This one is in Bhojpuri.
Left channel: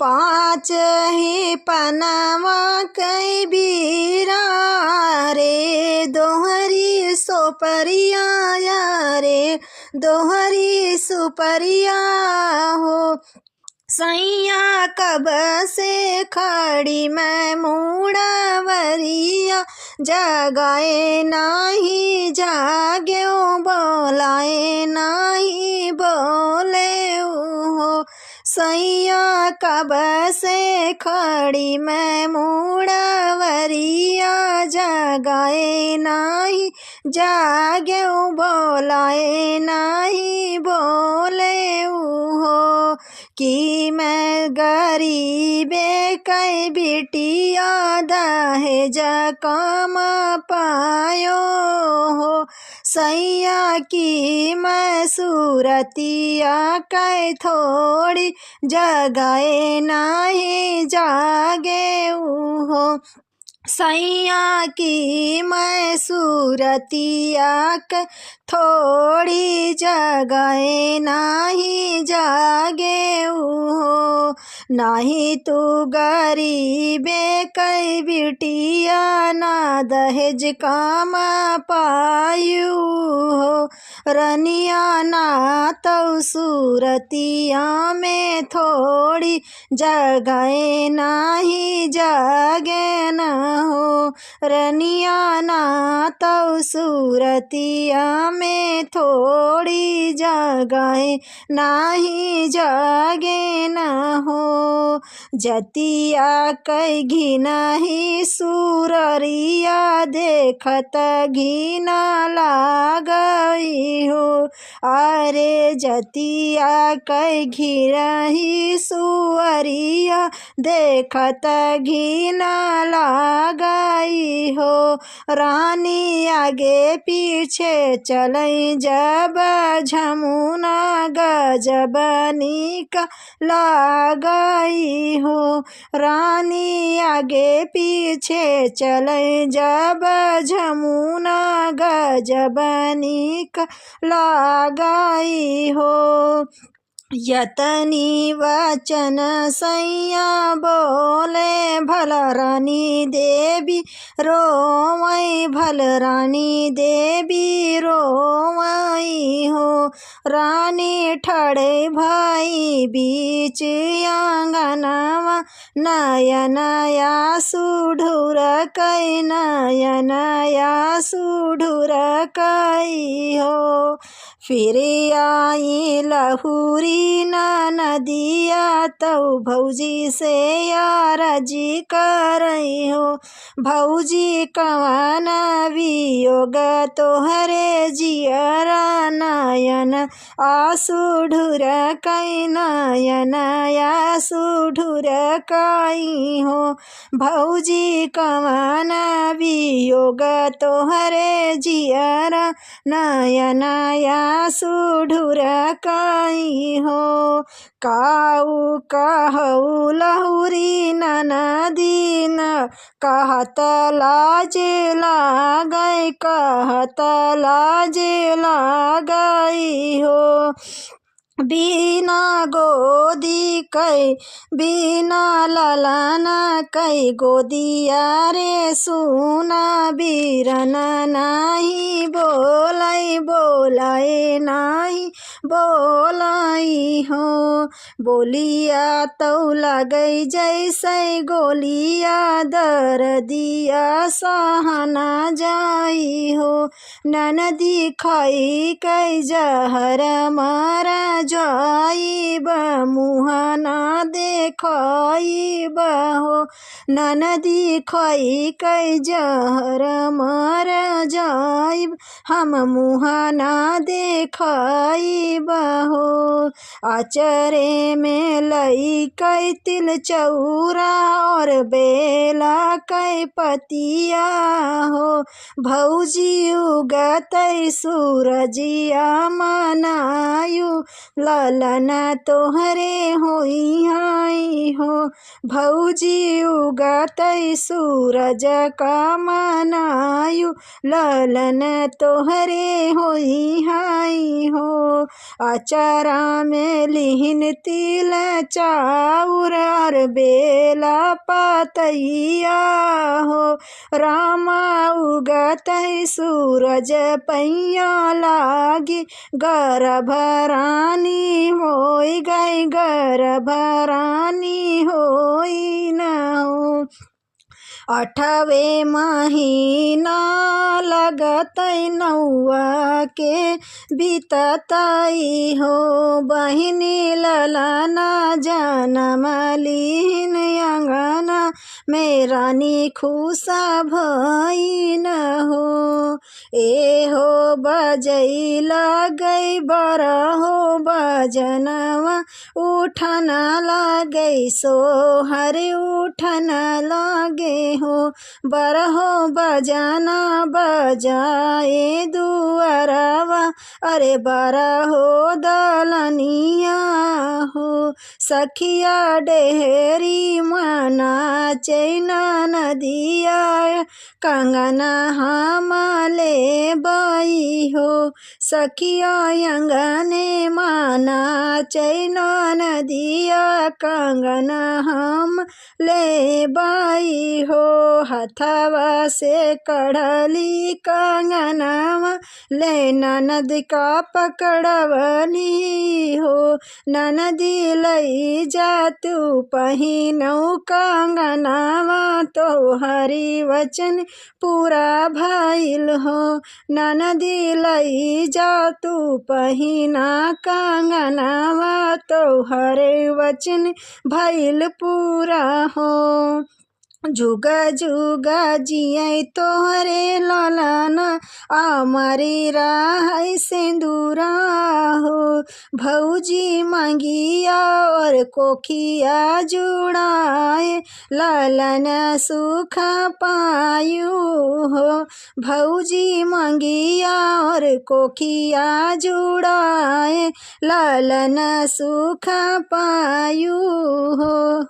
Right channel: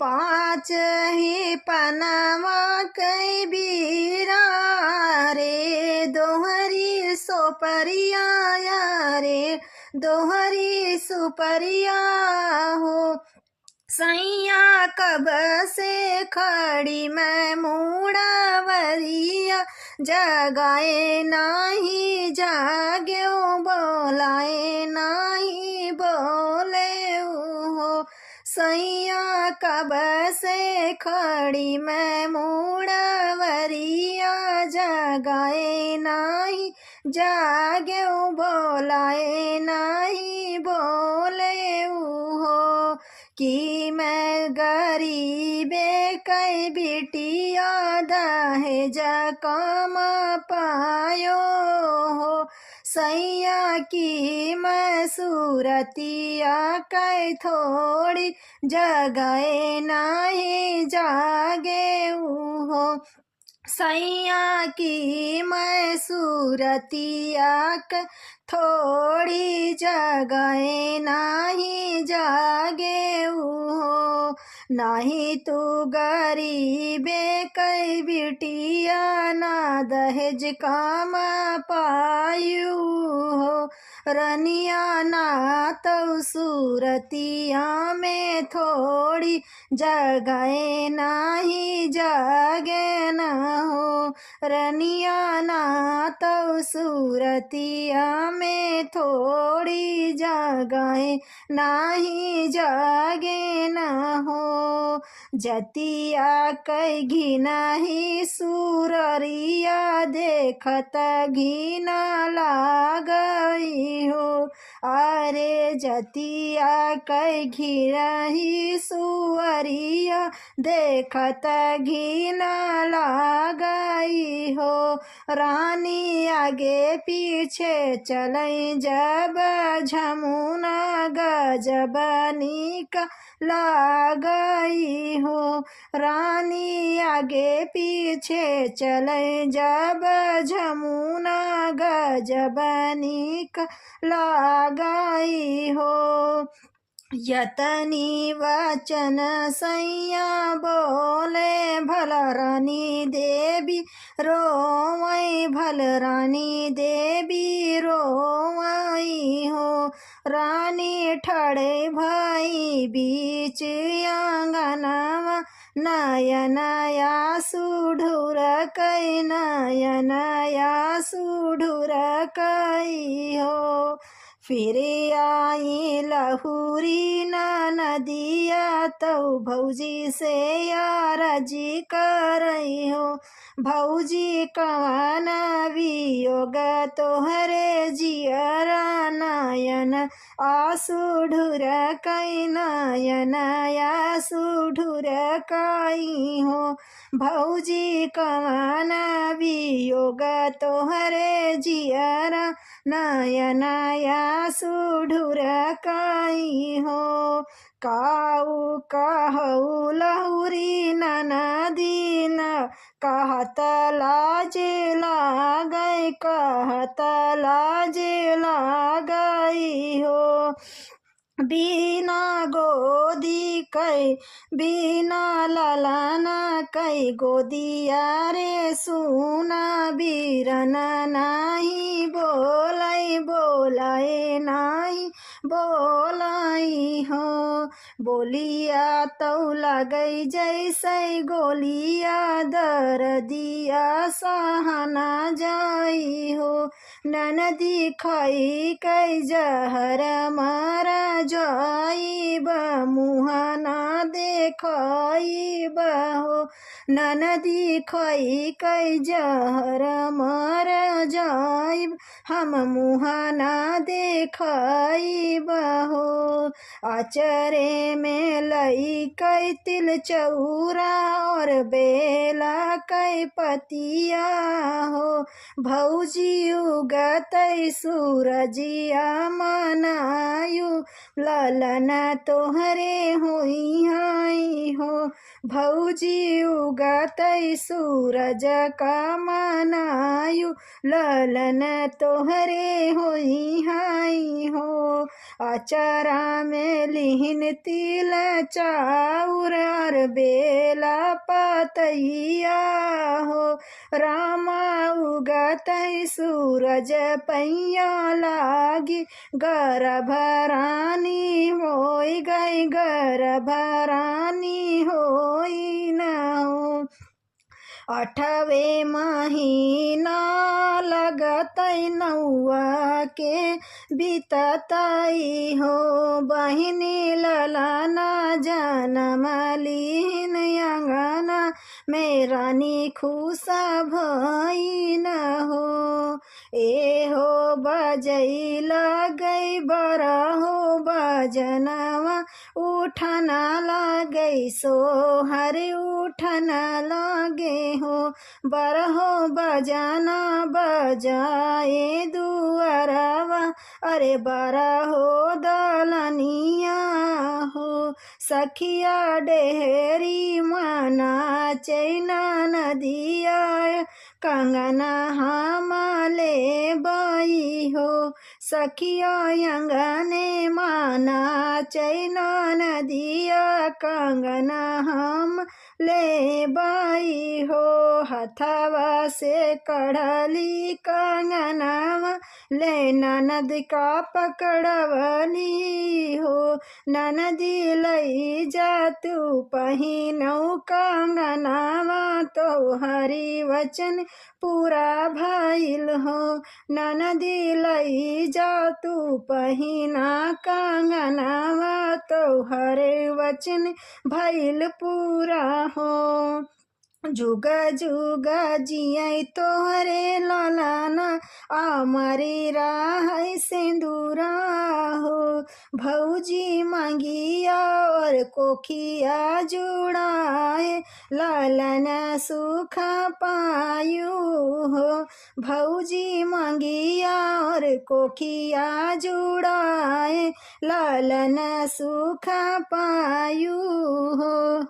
पाँच ही पनवा कई बीरा रे, दोहरी सोपरिया रे, दोहरी सुपरिया हो। सैया कब से खड़ी मैं मुड़ावरिया, जगाए नाही जाग्यो, बोलाए नाही बोले हो। सैया कब से खड़ी मैं मुड़ावरिया, जगाए नाही जाग्यो, बोलाए नाही बोले हो। कि मैं गरीबे कई बिटिया दहेज काम पायो हो। सैया की मैं सूरतिया कै थोड़ी, जगाए नाही जागे हो। सैया की मैं सूरतिया कै थोड़ी, जगाए नाही जागे हो। नाही तू गरीबे कई बिटिया, ना दहेज काम पायु हो। रनिया ना तो सूरतिया में थोड़ी, जगाए नाही जागे न हो। रनिया ना तो सूरतिया में थोड़ी, जगाए नाही जागे न हो। जतिया कै घिना ही सूररिया, देखत घिना लागई हो। अरे जतिया कै घिना ही सुअरिया, देखत घिना लागई हो। रानी आगे पीछे चलई जब, झमुना गजब नीक लागई हो। रानी आगे पीछे चलई जब, झमुना गजब नीक लागई हो। यतनी वचन सैया बोले, भल रानी देवी रोवई, भल रानी देवी रोवई हो। रानी ठड़े भाई बीच आंगनवा, नयन आसुढुर कई, नयन आसुढुर कई हो। फिर आई लहुरी नदिया, तो भौजी से यारजी करई हो। भौजी कवन वियोग तोहरे जियरा, नयन आसुढुर कई, नयन आसुढुर कई हो। भौजी कवन वियोग तोहरे जियरा, नयन आसुढुर कई हो। काऊ कहऊ लहुरी ननदी, न कहत लाज लागई, कहत लाज लागई हो। बिना गोदी कै, बिना ललन कै गोदिया रे, सुना बीरन नाही बोलाई, बोलाए नाही बोलाई हो। बोलिया तो लगई जैसे गोलिया, दर्दिया सहना जाई हो। ननदी खाई कै जहर मारा जाइब, मुँह ना देखाइब हो। ननदी खाई कै जहर मार जाइब, हम मुँह ना देखाइब हो। आचरे में लई कै तिल चौरा, और बेला कै पतिया हो। भौजी उगतै सूरजिया, मनायु ललन तोहरे होई हाई हो। भौजी उगतै सूरज का, मनायु ललन तोहरे होई हाई हो। आचरा में लिहिन तिल चाउर, और बेला पतैया हो। रामा उगत सूरज पैया लागी, गर्भरानी होई गई, गर्भरानी होई न हो। 8वें महीना लगतै नौआ के बीततई हो। बहिनी ललना जनम लीन, अंगना में रानी खुशा भईन हो। ए हो बजई लगई बरहो बजनवा, उठन लगई सोहर उठन लगे हो। बरहो बजाना बजाए दुअरवा, अरे बरहो दलनिया हो। सखिया डेहरी मना चैना नदिया, कंगना हम ले बई हो। सखिया अंगने माना चैना नदिया, कंगना हम ले बाई हो। हथवा से कढ़ली कंगनवा, ले ननद का पकड़वली हो। ननदी लई जा तू पहिनऊ कंगनवा, तो हरि वचन पूरा भइल हो। ननदी लई जा तू पहिना कंगनवा, तो हरि वचन भइल पूरा हो। जुगा जुगा जियै तोहरे ललना, अमरी राहै सिंदूरा हो। भौजी मंगिया और कोखिया जुड़ाए, ललन सुख पायु हो। भौजी मंगिया और कोखिया जुड़ाए, ललन सुख पायु हो।